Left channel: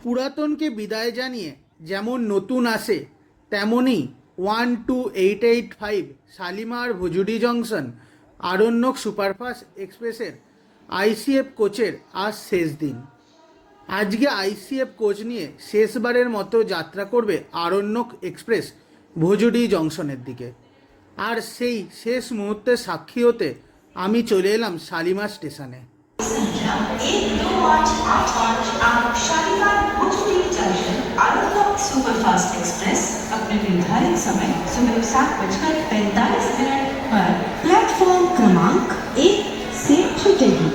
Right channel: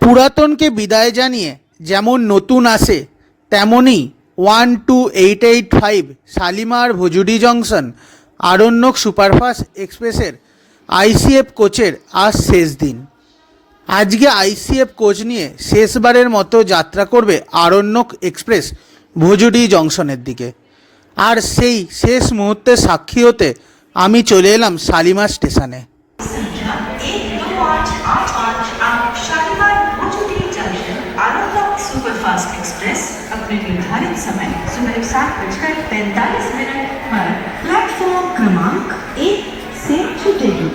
পুরাতনকে বিদায় জানিয়ে যেমন নতুন আসে, তেমনই 12885 শালিমার ভুজুডি জংশন আরণ্যক সুপারফাস্ট এক্সপ্রেসের আইসিএফ কোচের আজ শেষ দিন। আজকে আইসিএফ কোচ নিয়ে শেষবারের মতো যাত্রা করবে আরণ্যক এক্সপ্রেস ভুজুডি জংশনের দিকে। আর সেই শেষ মুহূর্তে সাক্ষী হতে আমি চলে এলাম শালিমার স্টেশনে। सुपरफास्ट एक्सप्रेस अपने निर्धारित समय सुबह 7:45 पर प्लेटफॉर्म क्रमांक 1 से छूटेगी।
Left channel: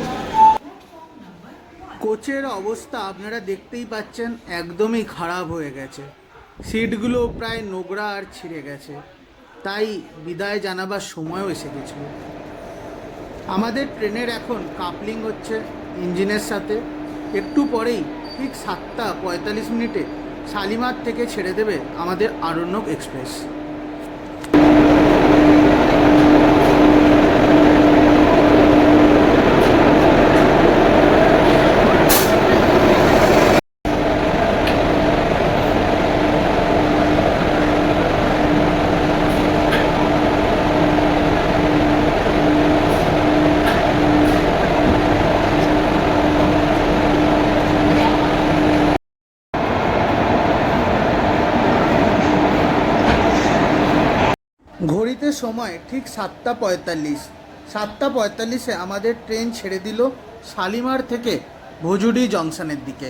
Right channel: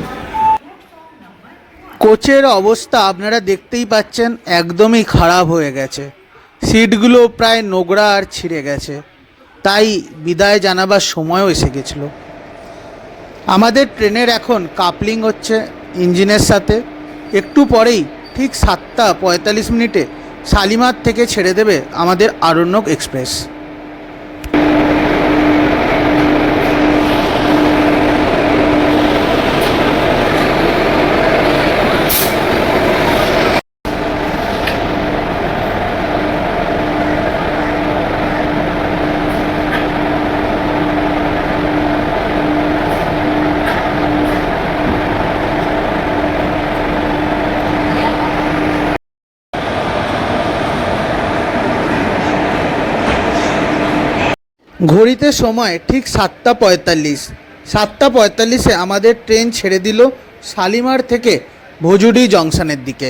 কোচের অবস্থা আপনারা দেখতেই পাচ্ছেন, একদমই খারাপ হয়ে গেছে। সিটগুলো প্রায় নোংরা আর ছিঁড়ে গেছে, তাই বিদায় জানাবার সময়ও এসে গেছিল। আমাদের ট্রেনের এখন কাপলিং হচ্ছে ইঞ্জিনের সাথে। একটু পরেই ঠিক 7:45 শালিমার থেকে ছেড়ে দেবে আমাদের আরণ্যক এক্সপ্রেস। ঘড়িতে সময় ঠিক 7:45। 7:45 আমাদের ট্রেন ছেড়ে দিল শালিমার থেকে ভুজুডি জংশনের দিকে।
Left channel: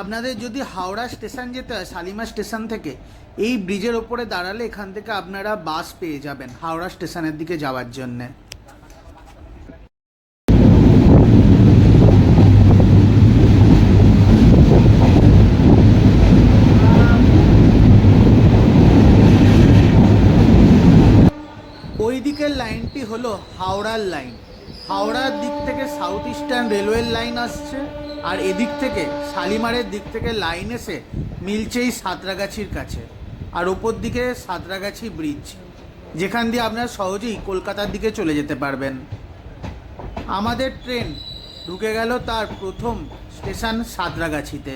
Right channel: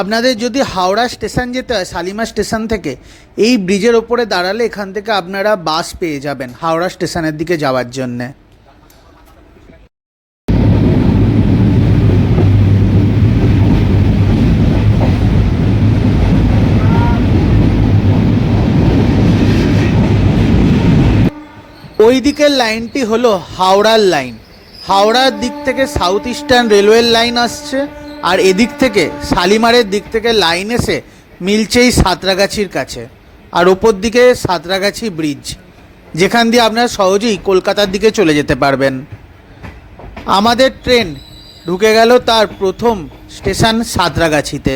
আপনাদের যদি হাওড়া স্টেশন যেতে হয় শালিমার স্টেশন থেকে, এই ব্রিজের ওপরে দাঁড়ালে এখান থেকে আপনারা বাস পেয়ে যাবেন হাওড়া স্টেশনের দিকে যাওয়ার জন্যে। ওই দিকের লাইনটি হলো হাওড়ার লাইন। হাওড়ার দিক থেকে সাউথ ইস্টার্ন রেলওয়ের লাইন আসছে, আর এদিক থেকে শালিমারের দিক থেকে লাইন এসে মিলছে এই সাঁতরাগাছির কাছে। আর ওপর দিকে সাঁতরাগাছি ব্রিজ, যেখান দিয়ে আপনারা সহজেই কলকাতার দিকে চলে যেতে পারবেন। আমাদের ট্রেন ঢুকে গেল তার প্রথম স্টেশন সাঁতরাগাছিতে।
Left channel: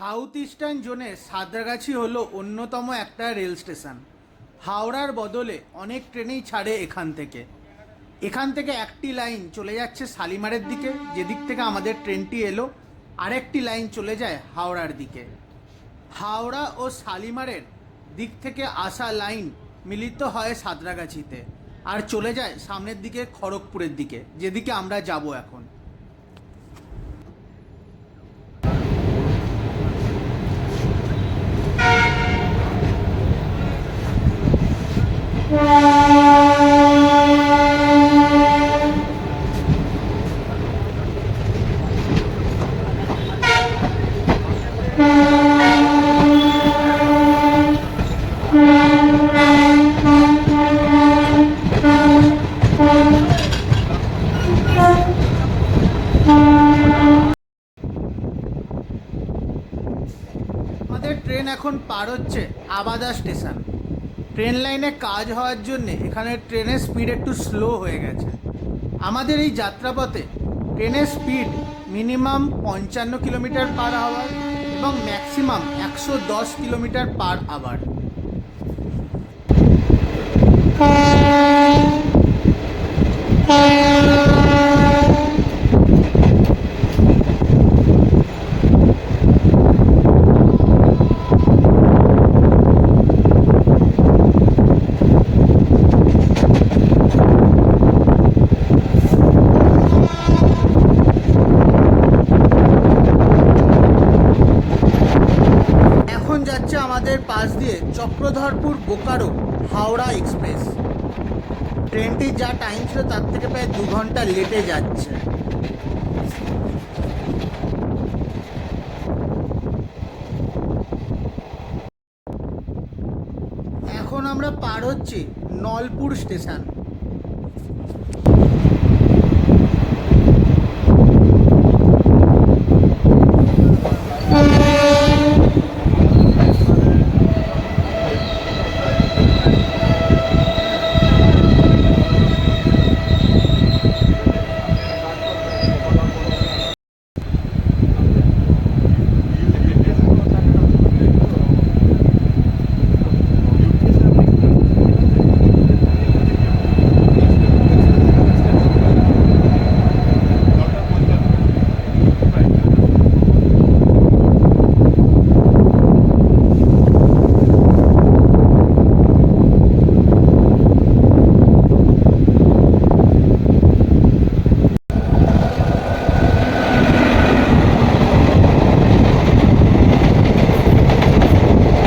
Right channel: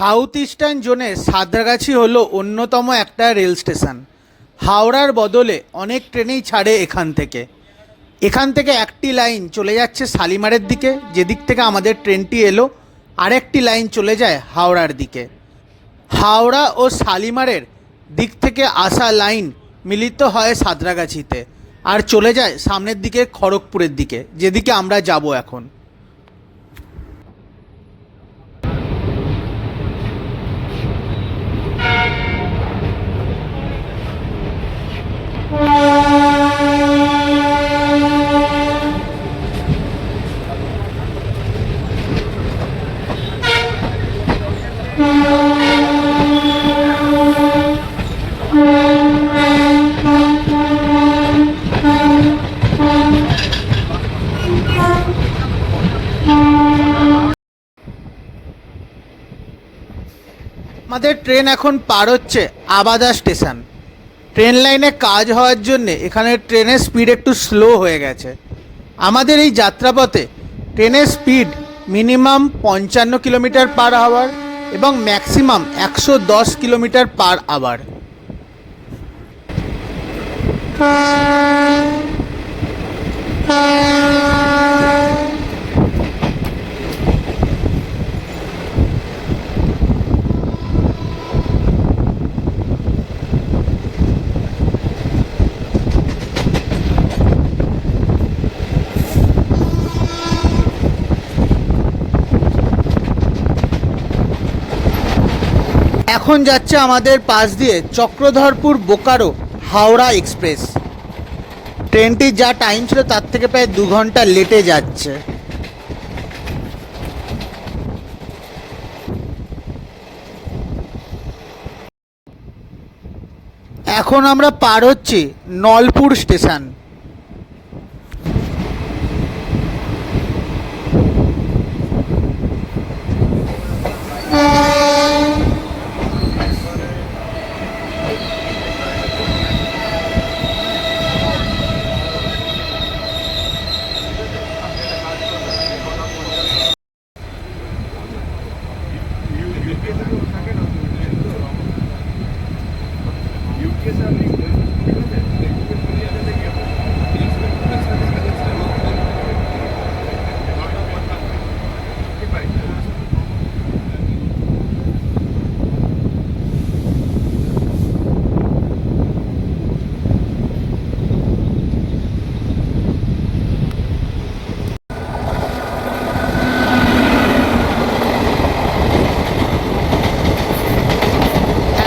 সাউথ ইস্টার্ন জোনের সাঁতরাগাছি হলো অন্যতম একটা রেল স্টেশন। হাওড়ার বদলে অনেক ট্রেনেই ছাড়ে এখান থেকে। এখান থেকে একটি লাইন চলে যাচ্ছে শালিমারের দিকে, যেদিক থেকে আমাদের ট্রেনটি এলো। আরেকটি লাইন চলে যায় হাওড়ার দিকে। হাওড়া ও শালিমারের দিক থেকে আসা লাইন মিলিত হয় সাঁতরাগাছিতে আর চলে যায় সামনের দিকে খড়গপুরের দিকে, যেদিকে আমরা যাব এখন। আমাদের ট্রেন এখন পার হচ্ছে আবাদা স্টেশন। ট্রেন লাইনে কাজ হওয়ার জন্যে এখানে ট্রেনের স্পিড একটু স্লো হয়ে গেছে। আমাদের এই যাত্রাপথে ট্রেনের speed minimum 55 kilometre per hour এবং ম্যাক্সিমাম 110 কিলোমিটার পার আওয়ার। এখন যাচ্ছে আমাদের পাশ দিয়ে চক্রধরপুর বোকারো হাওড়া এক্সপ্রেস। ট্রেনটির যা টাইম ছিল তার থেকে প্রায় 2 ঘন্টা লেটে যাচ্ছে। এখন আমরা পার হচ্ছি নলপুর স্টেশন।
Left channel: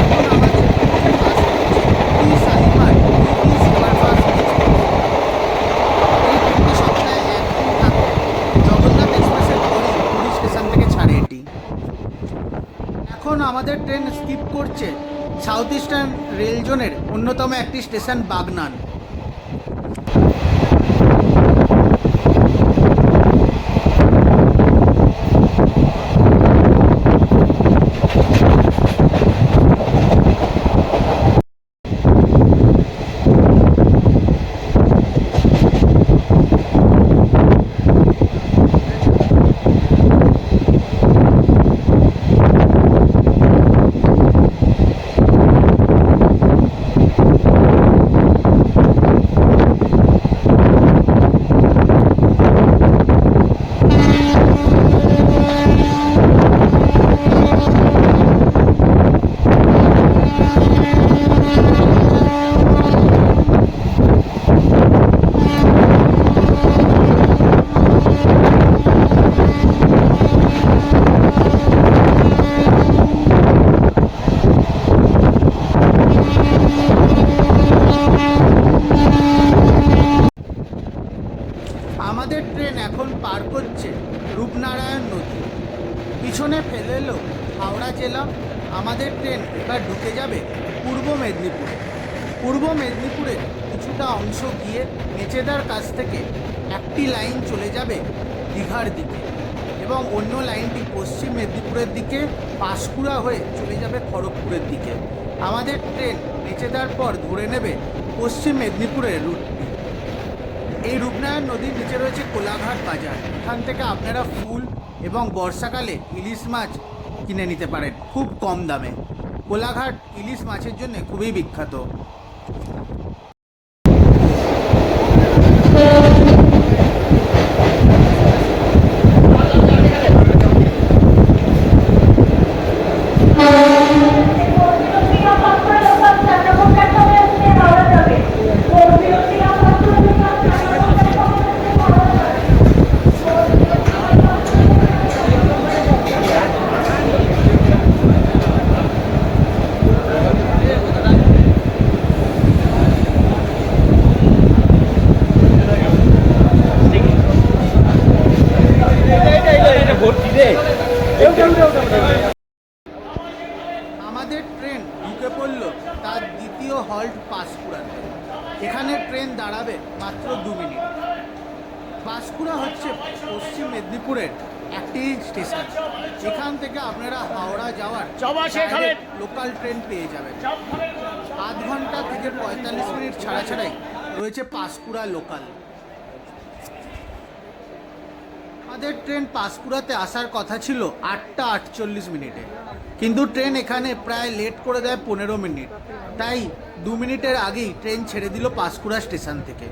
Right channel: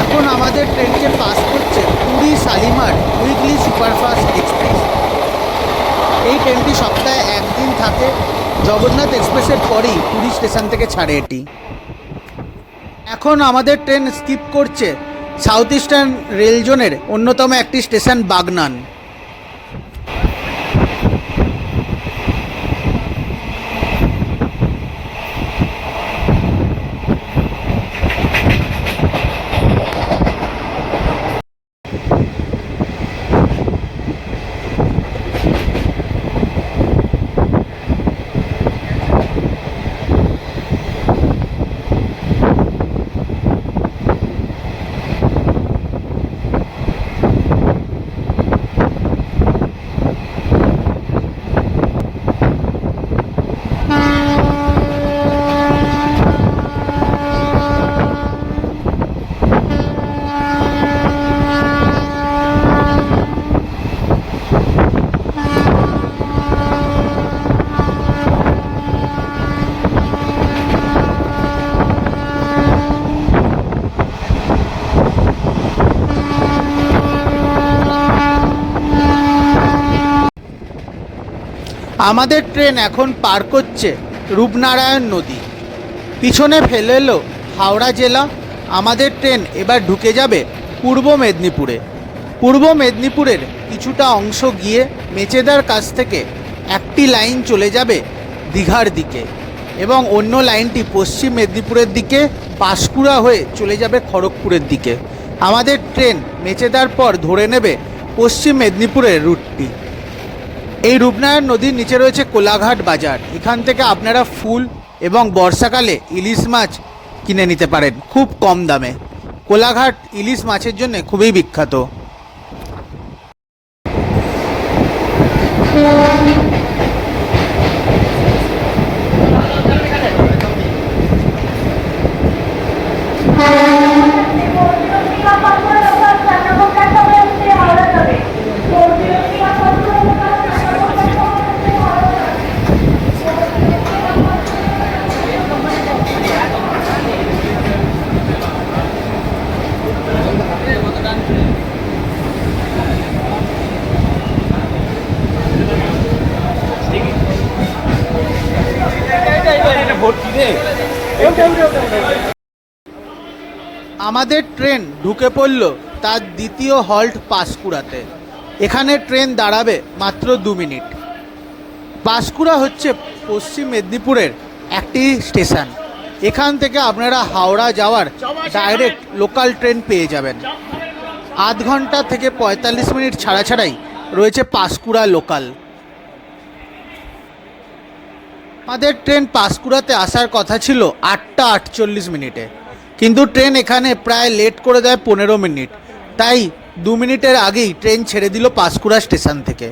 এখন আমাদের ট্রেনকে পাস করছে Puri Shalimar weekly superfast express. এই ট্রেনটি সপ্তাহে একদিন থাকে। জগন্নাথ এক্সপ্রেসের পরেই পুরী স্টেশন থেকে ছাড়ে এটি। এখন আমাদের ট্রেন স্কিপ করছে সাউথ ইস্টার্ন রেল জোনের অন্যতম একটি স্টেশন বাগনান। আমাদের ট্রেন এখন পার করছে রূপনারায়ণ নদী। পিছনে ফেলে এলো হাওড়া জেলা। আমাদের ট্রেন এবার ঢুকে যাবে পূর্ব মেদিনীপুরে। পূর্ব মেদিনীপুরের কিছুটা অংশ গিয়ে মেচেদার কাছ থেকে একটি লাইন চলে যাবে দীঘার দিকে এবং অন্য লাইনটি পশ্চিম মেদিনীপুরের দিকে পাঁশকুড়া হয়ে চলে যাবে খড়গপুরের দিকে। আমাদের ট্রেন মেচেদার পর ধরে নেবে পশ্চিম মেদিনীপুরের রুটটি। এই রূপনারায়ণ নদীর নিচে রয়েছে কোলাঘাট বাজার। এখান থেকে আপনারা ফুল এবং বর্ষাকালে ইলিশ মাছ কিনে নিতে পারেন খুব কম দামে। কোলাঘাট ইলিশ মাছের জন্য খুবই বিখ্যাত। আমাদের ট্রেন ঢুকে পড়ল তার দ্বিতীয় হল্ট পাঁশকুড়াতে। এখানে ট্রেন দাঁড়াবে মাত্র 2 মিনিট। পাঁশকুড়া হচ্ছে পশ্চিম মেদিনীপুরের একটি স্টেশন। এখান থেকে আপনারা হাওড়া যাওয়ার ডাইরেক্ট লোকাল ট্রেন পেয়ে যাবেন। আধ ঘন্টা থেকে 45 মিনিট ছাড়া ছাড়াই রয়েছে পাঁশকুড়া লোকাল। আমাদের ট্রেন পাঁশকুড়াতে আসার কথা ছিল 8টা 48 মিনিটে, কিন্তু ট্রেন এখানে প্রায় লেট করে দেয় 15 মিনিট, তাই 2 মিনিটের আগেই ট্রেন ছেড়ে দিল পাঁশকুড়া স্টেশন থেকে।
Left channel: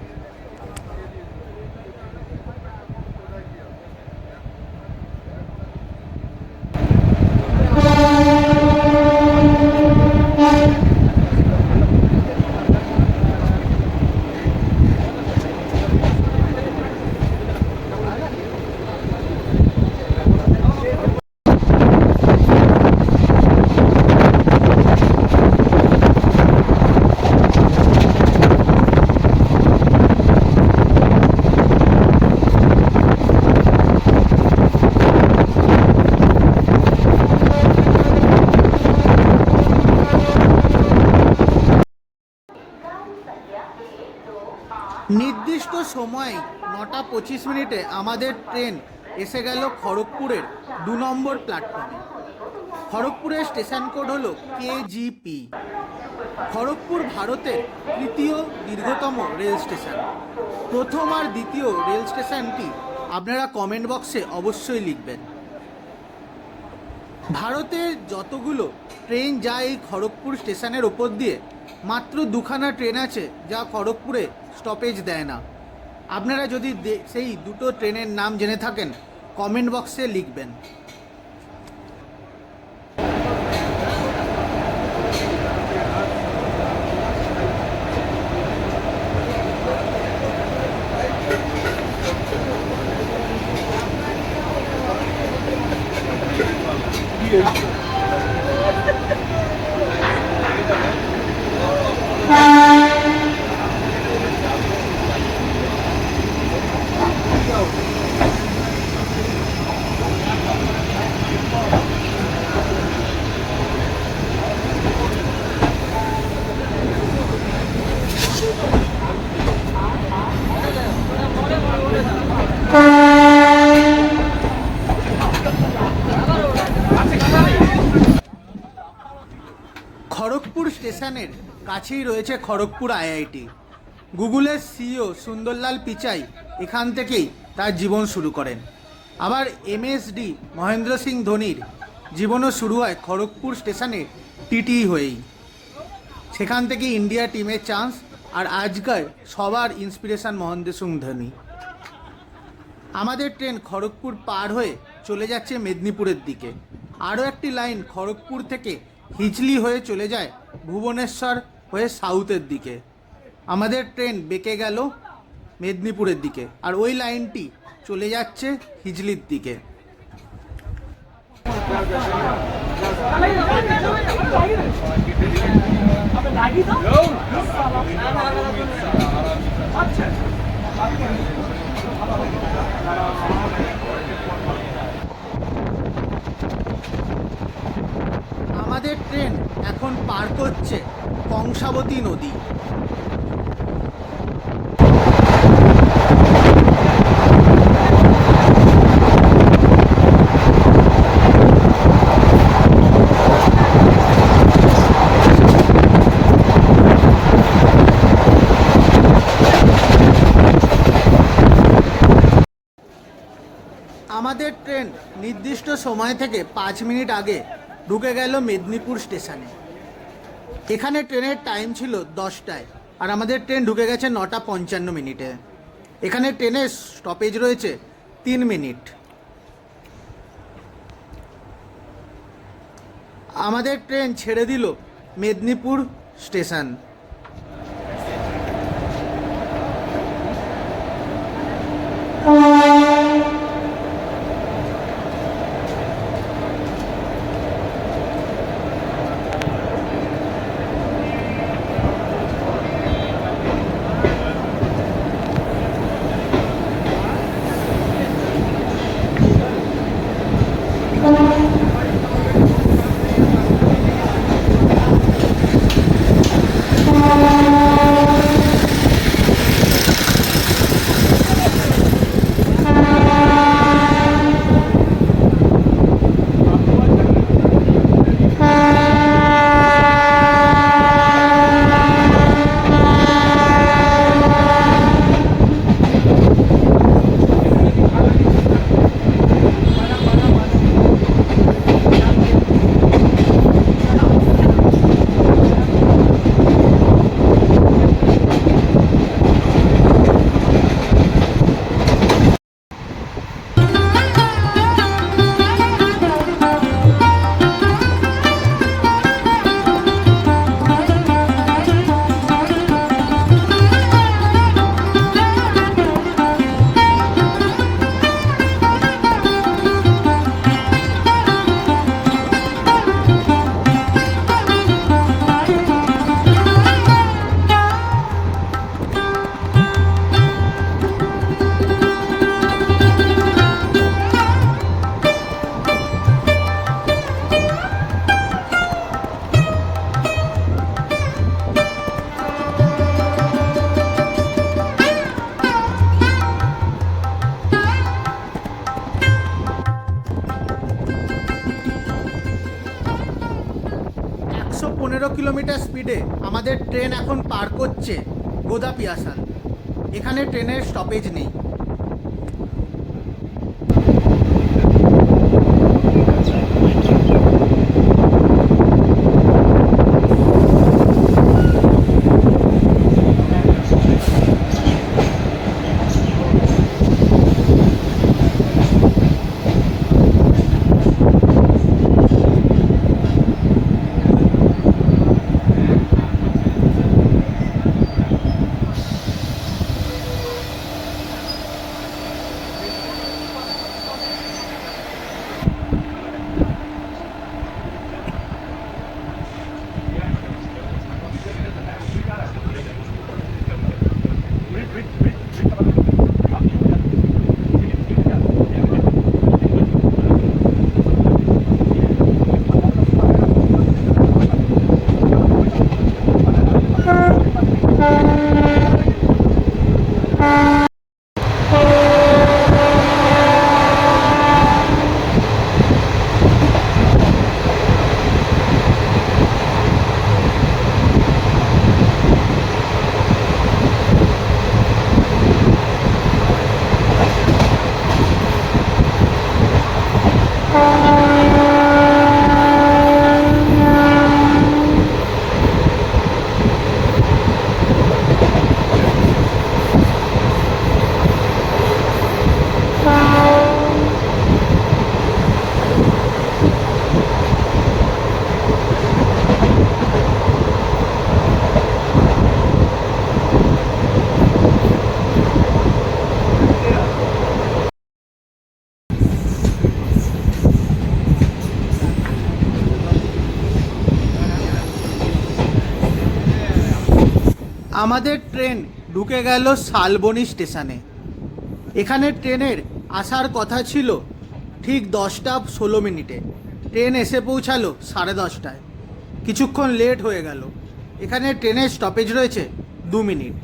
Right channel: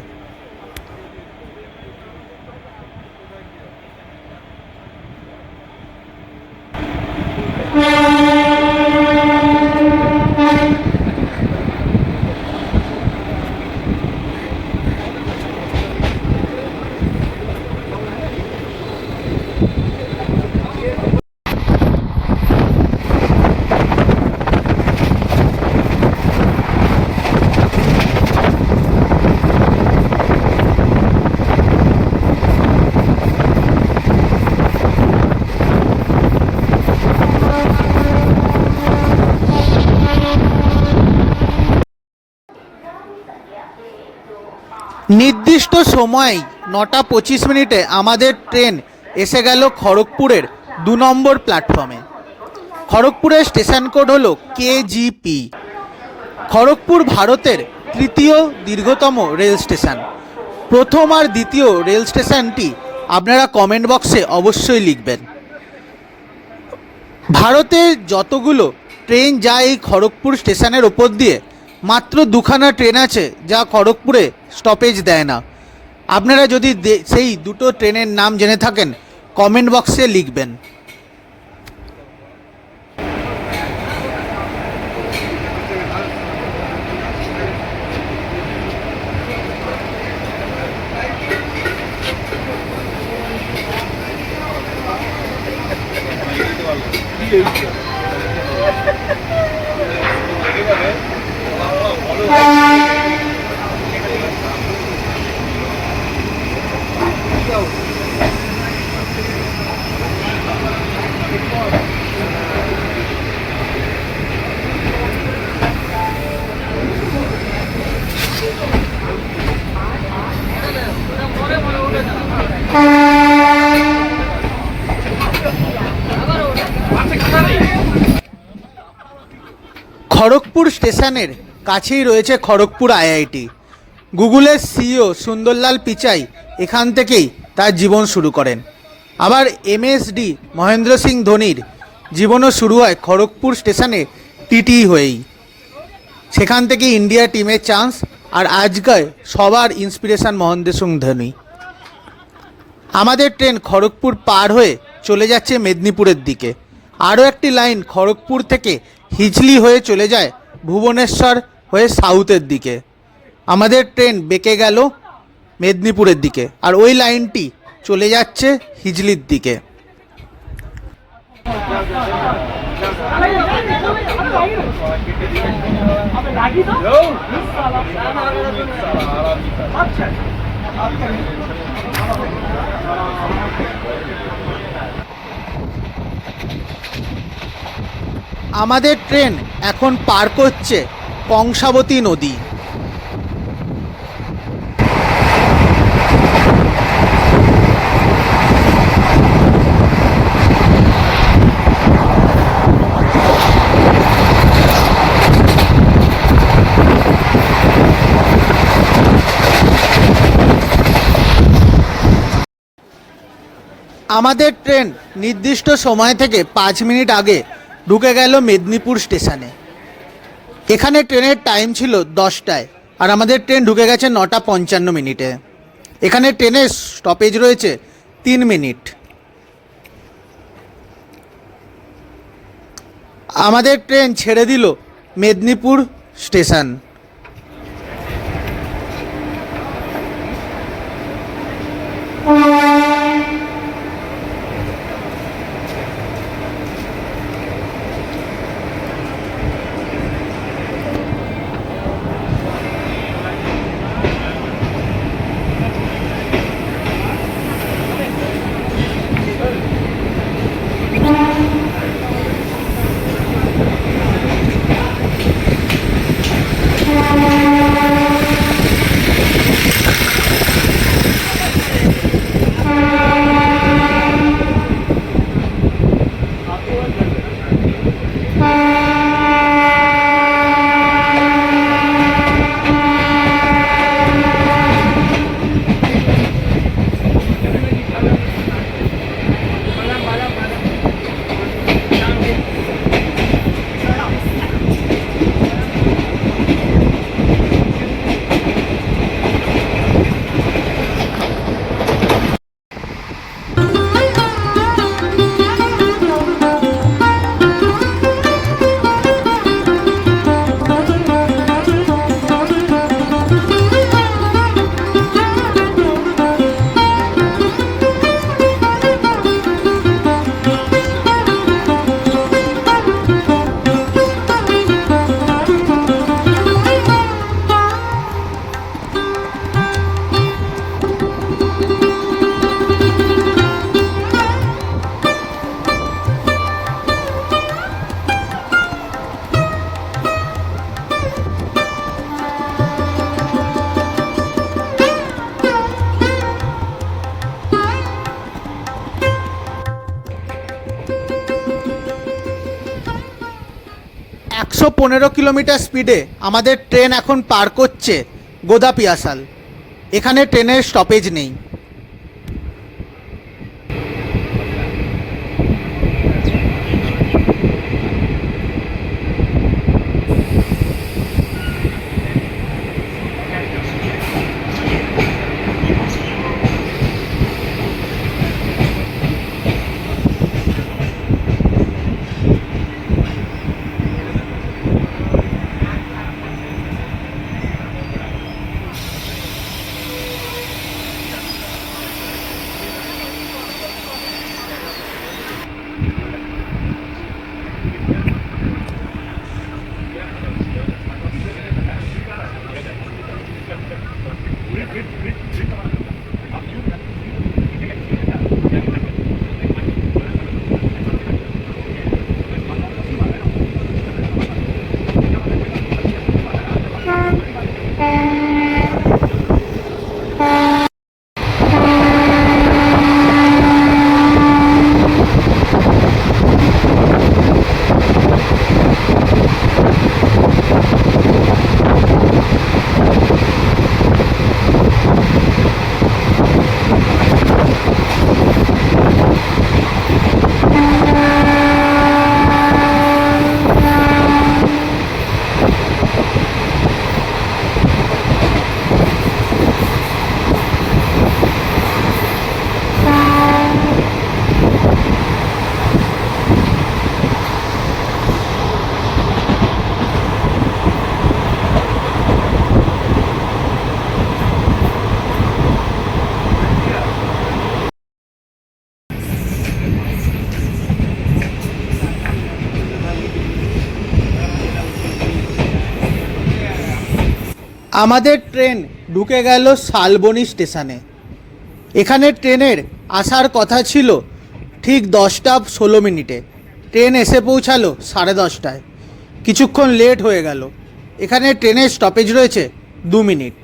নির্দিষ্ট সময় 9টা 25 মিনিটে আমাদের ট্রেন এসে গেল খড়গপুরের 2 নম্বর প্ল্যাটফর্মে। খড়গপুরের স্টেশন কোড হলো KGP। খড়গপুর ভারতের তৃতীয় দীর্ঘতম রেল স্টেশন। প্রথম আর দ্বিতীয় রেল স্টেশনটি আপনারা কমেন্ট বক্সে অবশ্যই লিখবেন। ভারতের যতগুলো ট্রেন যায় এই খড়গপুর স্টেশনের ওপর দিয়ে, মাত্র 2খানা ট্রেন আছে যা খড়গপুরে স্টপেজ দেয় না। আপনারা যদি সেই দুটো ট্রেনের নাম জেনে থাকেন কমেন্ট বক্সে লিখবেন। খড়গপুর স্টেশনের কাছেই রয়েছে খড়গপুর IIT। গুগলের CEO সুন্দরলাল পিচাই এখান থেকেই তার জীবন শুরু করেন। আবার MSD মহেন্দ্র সিং ধোনির জীবনও শুরু হয় খড়গপুর স্টেশনে TT হয়েই। সেখান থেকে ইন্ডিয়া টিমের চান্স, আর আজকাল সবার ইন্সপিরেশন মহেন্দ্র সিং ধোনি। আমাদের ট্রেন খড়গপুর পার হয়ে চলে যাচ্ছে মেদিনীপুরের দিকে। আরও একটি লাইন খড়গপুর থেকে হিজলি হয়ে চলে যায় ভুবনেশ্বর হয়ে সাউথের দিকে। আমাদের ট্রেন বেঁকে গেল মেদিনীপুরের দিকে, আর ওই লাইনটি চলে যাচ্ছে হিজলির দিকে। আমাদের ট্রেন এখন পার করছে কংসাবতী নদী। আমাদের ট্রেন নির্দিষ্ট সময় থেকে 5 মিনিট আগে ঢুকে গেল মেদিনীপুর স্টেশনে। এখানে ট্রেনের টাইম ছিল 10টায়, আর আমাদের ট্রেন ঢুকে গেছে 9টা 55 মিনিটে। এখানে ট্রেনের স্টপেজ রয়েছে 3 মিনিট। আমাদের ট্রেন ছেড়ে দিল মেদিনীপুর স্টেশন। 115 কিলোমিটার স্পিডে আমাদের ট্রেন এখন পার করছে গোদা পিয়াসাল। এখানে ট্রেনের স্টপেজ নেই। আমাদের ট্রেন ঢুকে গেল শালবনী স্টেশনে। এখানে ট্রেনের আসার কথা ছিল ঠিক 10টা 16 মিনিটে। ট্রেন এসে পৌঁছালো 10:30টায়। কিছুক্ষণ লেট হয়ে গেল। এখানে ট্রেনের স্টপেজ রয়েছে 2 মিনিট।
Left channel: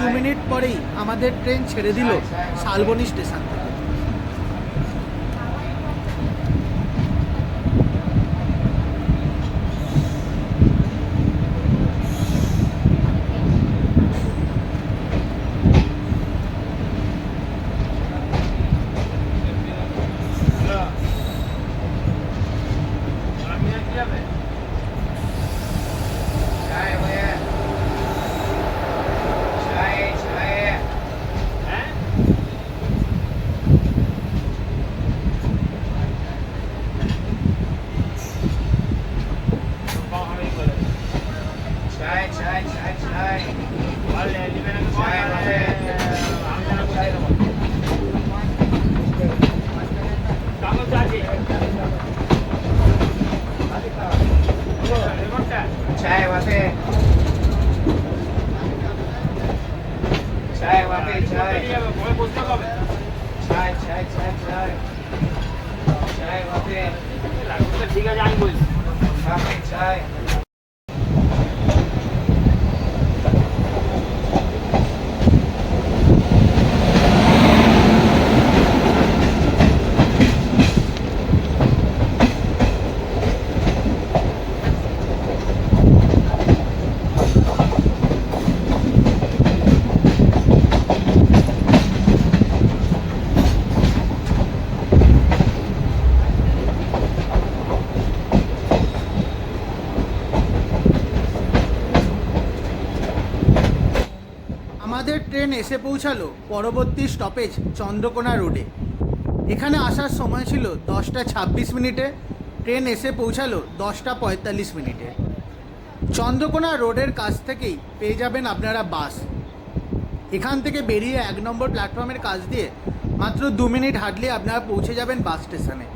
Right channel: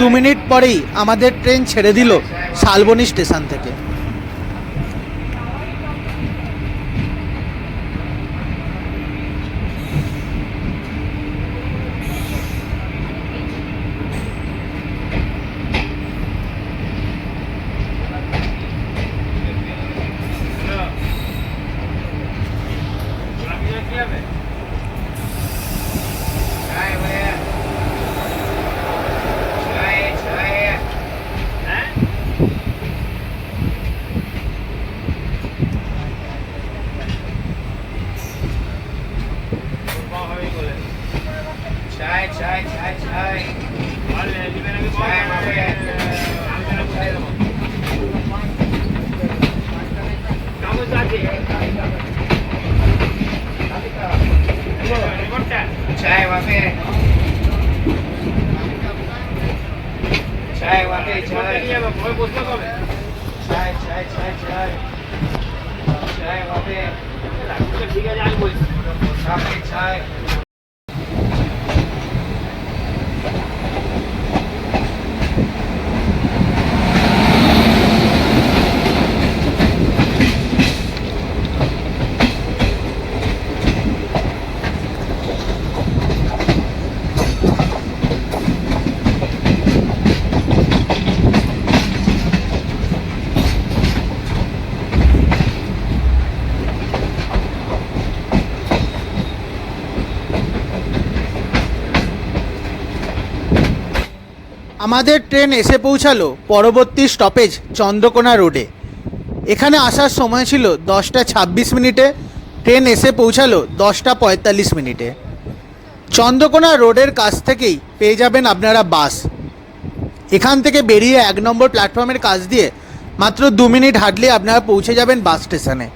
দু মিনিট পরেই আমাদের ট্রেন ছেড়ে দিল শালবনী স্টেশন থেকে। ঠিক আছে আমি বলছি আমাদের ট্রেন এসে পৌঁছালো পরবর্তী স্টপেজ চন্দ্রকোনা রোডে। এখানে আসার সময় ছিল 10:26 ট্রেন এসে পৌঁছালো 10:45 চন্দ্রকোনা রোডের কাছ থেকেই পেয়ে যাবেন আপনারা বাস। এখান থেকে বেরিয়ে 1 নম্বর প্ল্যাটফর্মের কাছ দিয়ে মাত্র 2 মিনিট হাঁটলে আপনারা পৌঁছে যাবেন বাস স্টেশনে।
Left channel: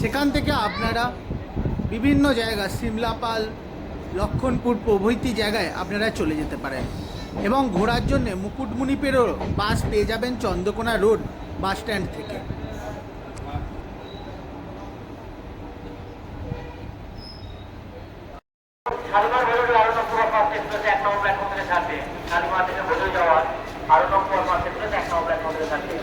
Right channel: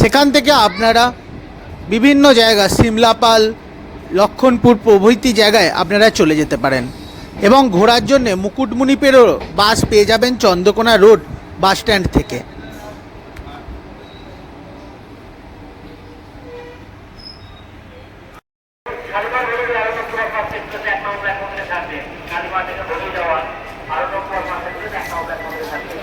সেখান থেকে আপনারা বিভিন্ন জায়গা সিমলাপাল, লক্ষণপুর প্রভৃতি জায়গায় আপনারা চলে যেতে পারেন এবং ঘোরার জন্য মুকুটমণিপুরেরও বাস পেয়ে যাবেন চন্দ্রকোনা রোড বাস স্ট্যান্ড থেকে। শালিমার হলে আরো নম্বর ফার্স্ট এক্সপ্রেস 1 নম্বর প্ল্যাটফর্ম থেকে ছাড়বে। শালিমার থেকে হলে যাওয়ার আরো নম্বর ফার্স্ট এক্সপ্রেস 1 নম্বর প্ল্যাটফর্ম থেকে ছাড়বে।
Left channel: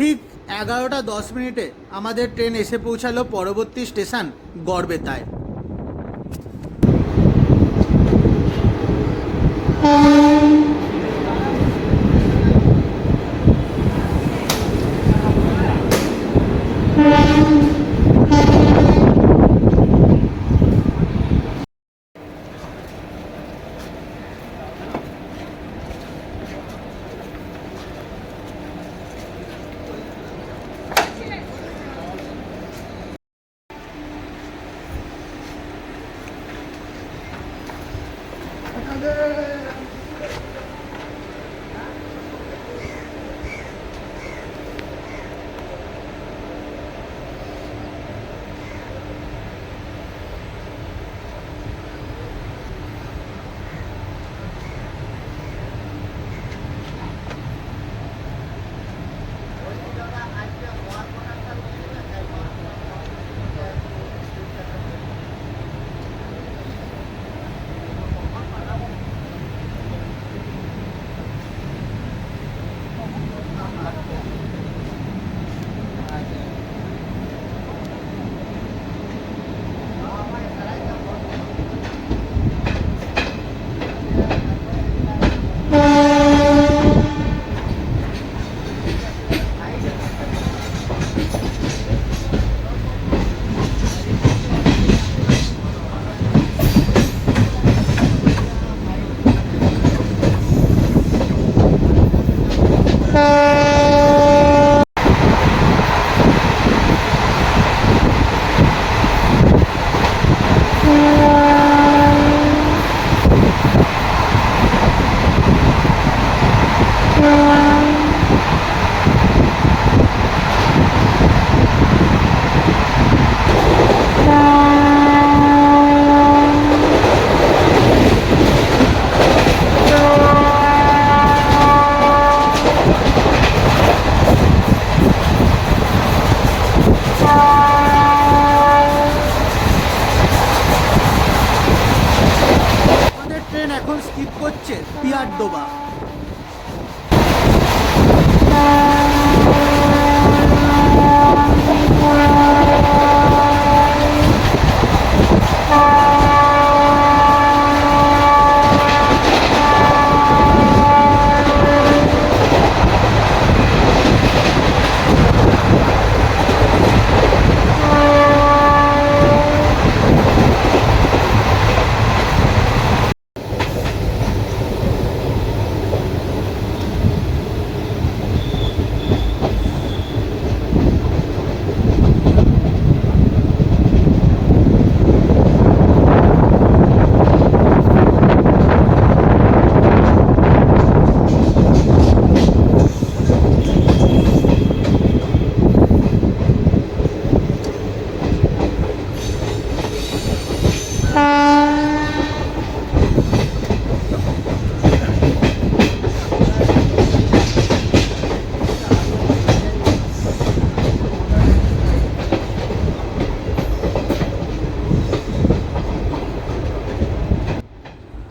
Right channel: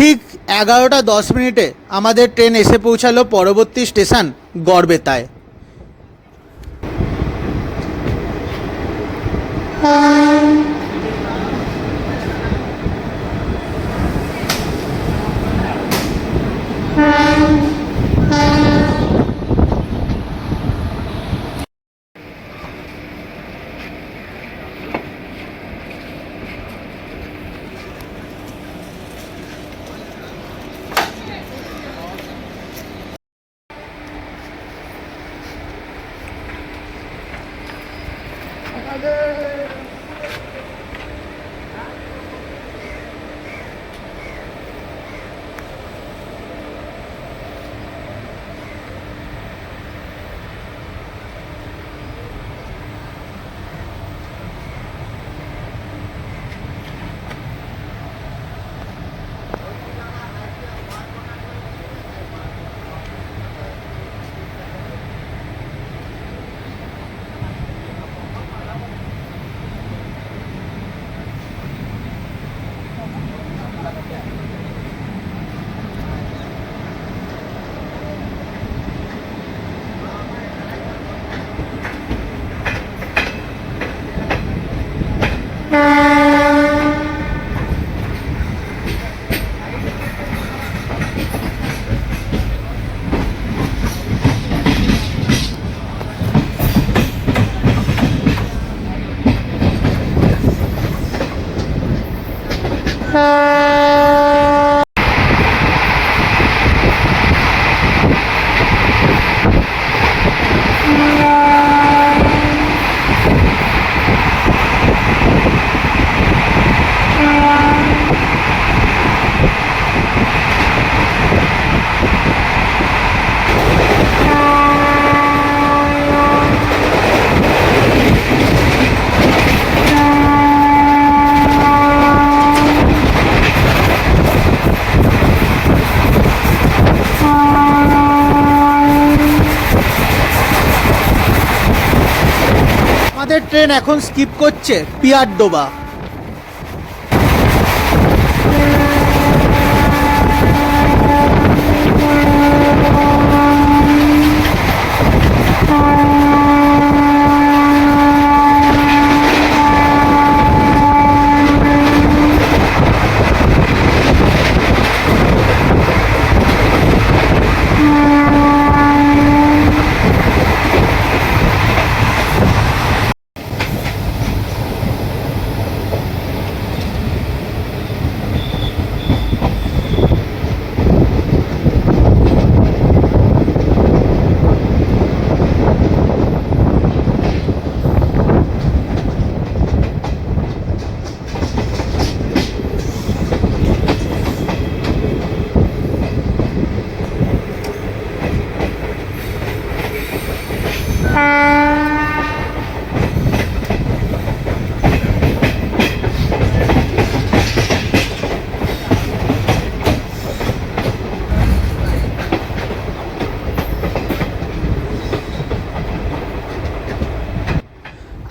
ঠিক 11:10 আমাদের ট্রেন এসে পৌঁছালো পরবর্তী স্টেশন গড়বেতায়। ট্রেন এখন স্কিপ করছে পিয়ারডোবা।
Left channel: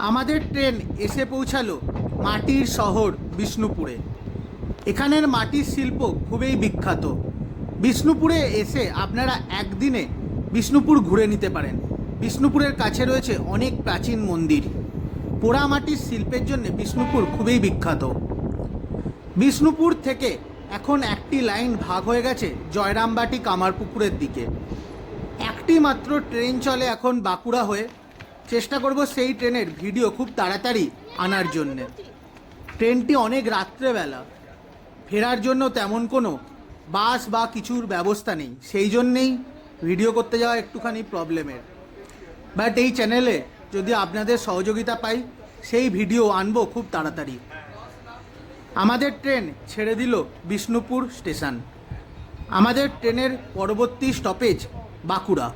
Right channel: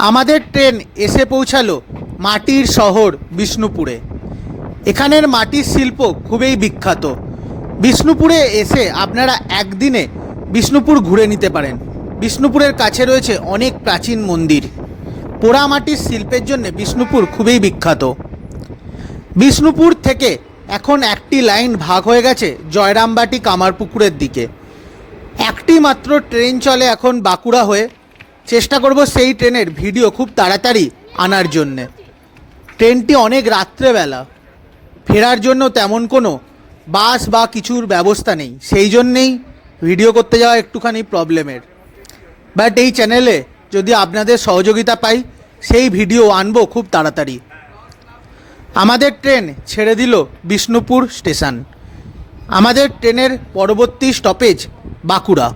আমাদের ট্রেন এসে পৌঁছালো মাটির শহর বিষ্ণুপুরে। এখানের মাটির শিল্প খুবই বিখ্যাত। বিষ্ণুপুরে এসে আপনারা একদিনে বিষ্ণুপুর ঘুরে নিতে পারেন। বিষ্ণুপুরের কাছে রয়েছে অনেক প্রাচীন মন্দির। পোড়ামাটির শিল্পের জন্য বিষ্ণুপুর খুবই বিখ্যাত। বিষ্ণুপুর থেকে এখন একটি লাইন ভাগ হয়ে গেছে জয়রামবাটি কামারপুকুরের দিকে। একটি মাত্র ট্রেন চলে এখন বাঁকুড়া হয়ে। চেষ্টা করব সেই ট্রেনের ভিডিও খুব তাড়াতাড়ি আনার জন্যে। ট্রেনটি অনেক রাত্রেবেলা, ফেরার জন্য তেমন কোনো বাস বা কিছুর ব্যবস্থা নেই, সেই জন্যেই ভিডিও করতে যাওয়া একটুখানি প্রবলেমের। বাট এই চ্যানেলে যদি আপনাদের সহযোগিতা পাই সেই ভিডিও আনবো খুব তাড়াতাড়ি। আমাদের ট্রেন ছেড়ে দিল বিষ্ণুপুর স্টেশন। আমাদের ট্রেনের পরবর্তী স্টপেজ বাঁকুড়া।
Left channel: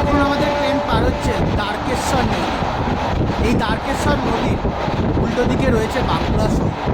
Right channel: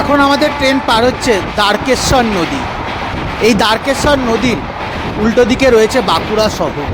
এখন আমাদের ট্রেন পার হচ্ছে দ্বারকেশ্বর নদী। এই দ্বারকেশ্বর নদীর উল্টো দিকে রয়েছে বাঁকুড়া শহর।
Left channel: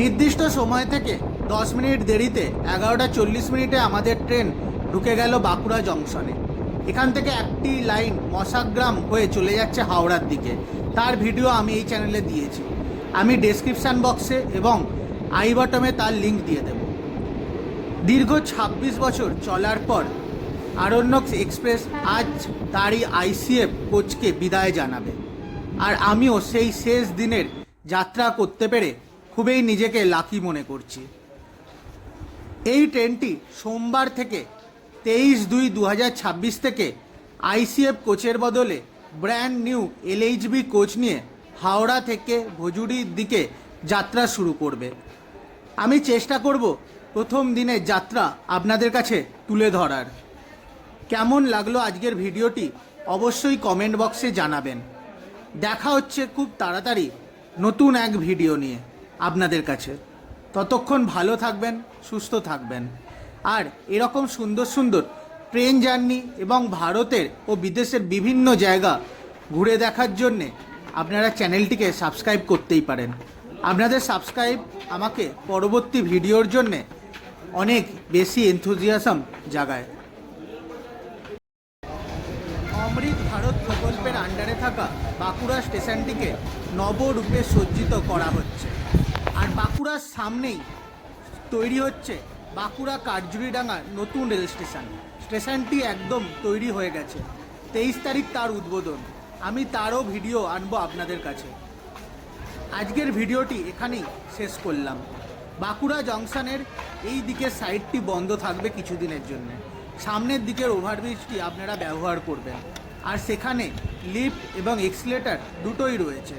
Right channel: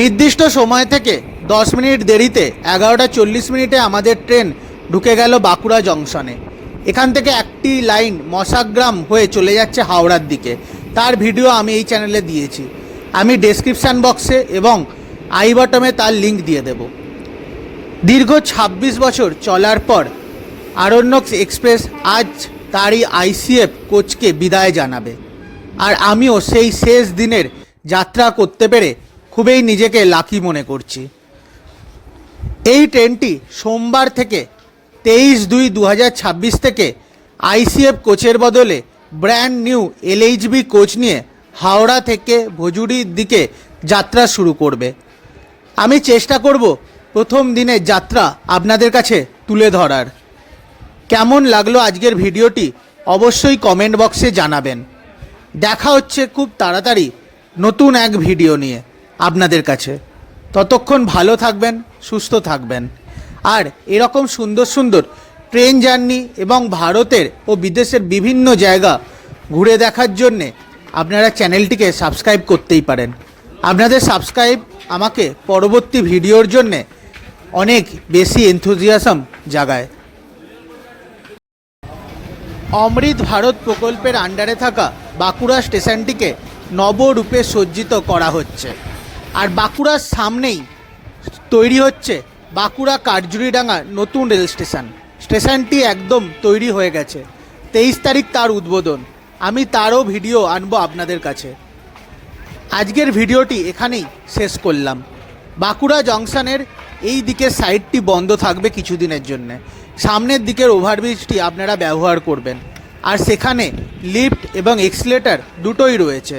নির্দিষ্ট সময় থেকে 10 মিনিট দেরিতে 11:40 আমাদের ট্রেন ঢুকে গেল বাঁকুড়া জংশনে। এখান থেকে একটি লাইন মশাগ্রাম হয়ে চলে যাচ্ছে হাওড়ার দিকে। তার ভিডিও আমি এই চ্যানেলে দিয়েছি, আমি ডেসক্রিপশান বক্সে এবং আই বটমে তার লিঙ্ক দিয়ে দেব। দীর্ঘ 26 বছর চলার পর আরণ্যক এক্সপ্রেস আজ তারই আইসিএফ কোচকে বিদায় জানাবে। আর আমিও সেই শেষ দিনের যাত্রা করতে পেরে খুবই নিজেকে লাকি মনে করছি। এই ট্রেনটি সোমবার থেকে 23/2/2026 থেকে আইসিএফ কোচের বদলে ব্র্যান্ড নিউ এলএইচবি কোচ নিয়ে হাওড়া থেকে ভজুড়ির দিকে যাত্রা শুরু করবে। আমি চেষ্টা করব প্রথম দিনের যাত্রা আপনাদের কাছে তুলে ধরার। কেমন লাগলো আজকের ভিডিওটি অবশ্যই কমেন্ট বক্সে জানাবেন। দেখা হচ্ছে খুব তাড়াতাড়ি নতুন এক ভিডিও নিয়ে আপনাদের কাছে। ততক্ষণ ভালো থাকবেন, সুস্থ থাকবেন। আর এরকম সুন্দর সুন্দর ট্রেন জার্নি এবং ভারতের ও বিদেশের বিভিন্ন জায়গা ঘুরে দেখার জন্যে আপনারা চ্যানেলটিকে সাবস্ক্রাইব করতেই পারেন। আপনাদের সাবস্ক্রাইব আমাকে পরবর্তী ভিডিওর জন্যে অনেক বেশি এনথুজিয়াজম জাগায়। অমৃত ভারত প্রকল্পের আন্ডারে থাকা বাঁকুড়া স্টেশনটিকে নবরূপে সজ্জিত করা হচ্ছে। আর বাঁকুড়ার সামনেই তৈরি হচ্ছে বাঁকুড়া কাঠজুড়িডাঙ্গার নতুন রেল স্টেশন। স্টেশনটি একদম তৈরি হয়ে গেছে, 23 তারিখ তার উদ্বোধন। আমি তারও ভিডিও আনবো আপনাদের কাছে। আজকের ভিডিওটি এখানেই শেষ করলাম। বাঁকুড়া জংশনের এই দিকের সাইডটি বন্ধ থাকবে কিছুদিনের জন্য। সামনের দিকের ওভারব্রিজটি আপনারা ব্যবহার করবেন। আর সেখানে লিফট এবং এক্সিলেটর দুটোই রয়েছে।